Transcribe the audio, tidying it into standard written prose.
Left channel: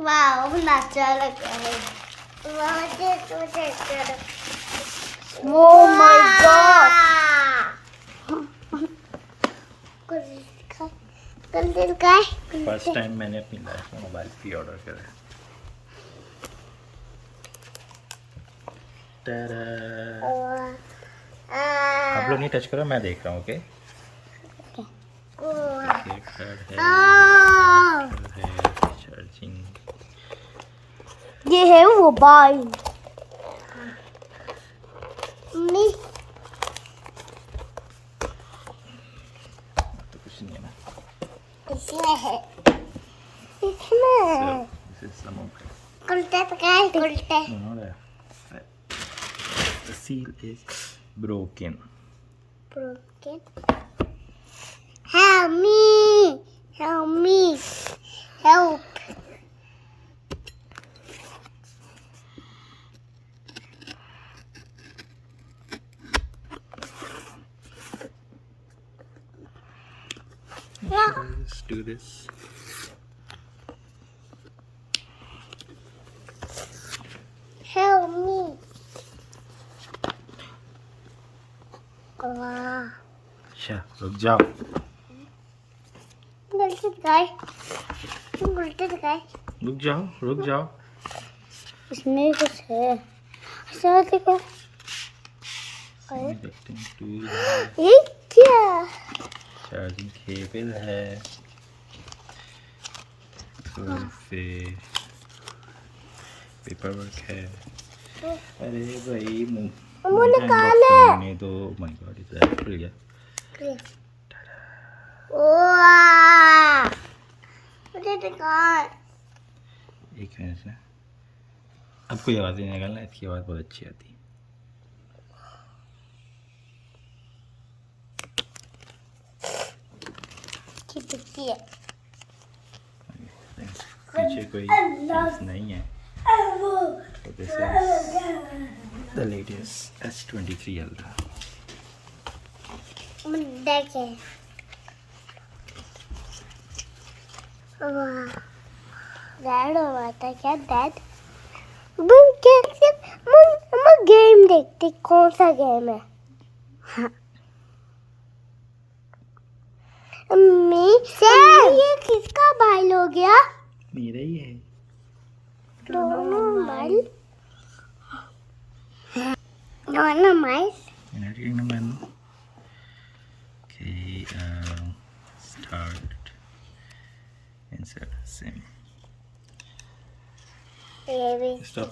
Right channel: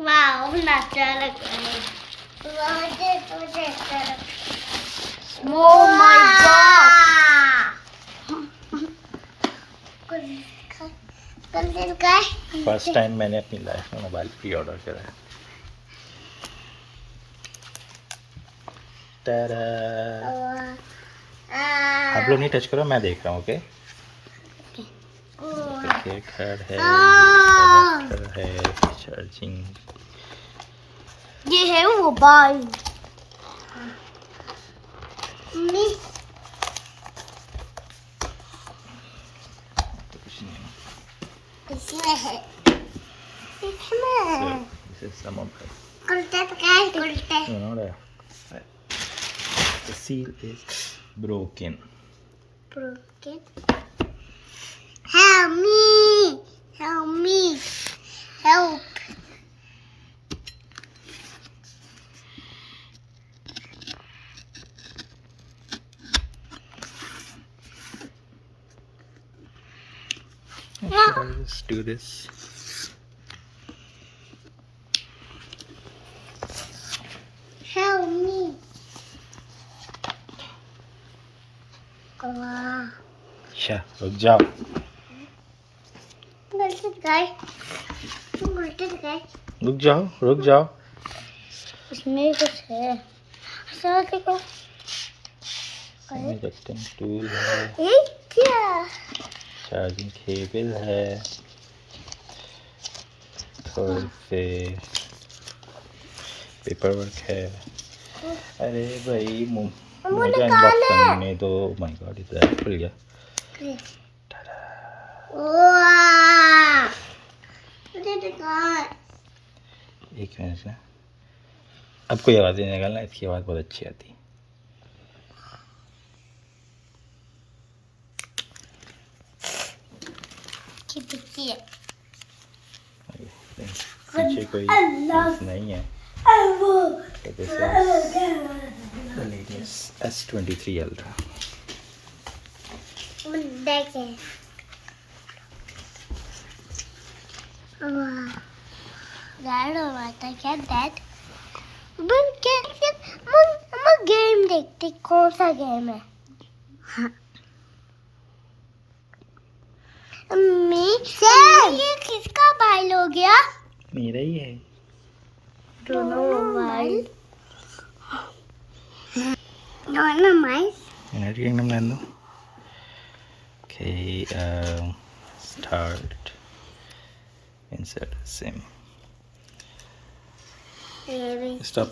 वाह नाचा लग Oh my god! First time मैंने अपनी लाइफ में मोबाइल प्री ऑर्डर करा है। तारा आप लोग नहीं टच करो, मैं देख रहा हूँ। ओके है चार्जिंग। ये है मोबाइल तो कुछ नहीं है ना। इसमें है So, this is some of it. उल्टे No, not that. The seal is broken. Help me! Help me! Help! Let's do this. Help me! वाह अच्छा रुक जाओ। उल्टे दिखाए रुक जाओ। इसमें कुछ है साथ देखो टूल है, ये क्या चार्जिंग केबल है, और से पेपर वर्क है। अरे भाई मुझे अनबॉक्स करने दो। माय गॉड इधर खुल गया। वाह मुझे दिखाए एक मिनट से अब कोई आवाज़ नहीं निकालना, इसकी आवाज़ बहुत अच्छी आती है। पीछे कोई चीज़ नहीं है। So this is the latest S23 Ultra. देखिए डैड आता क्या डैड हम गेम देखते कौन सा गेम है अम्मी ये किसका भाई हो गया मेरा ही है। दोनों भाई दोनों भाई Energy yang nando. Okay, start. Insert SIM. Stop.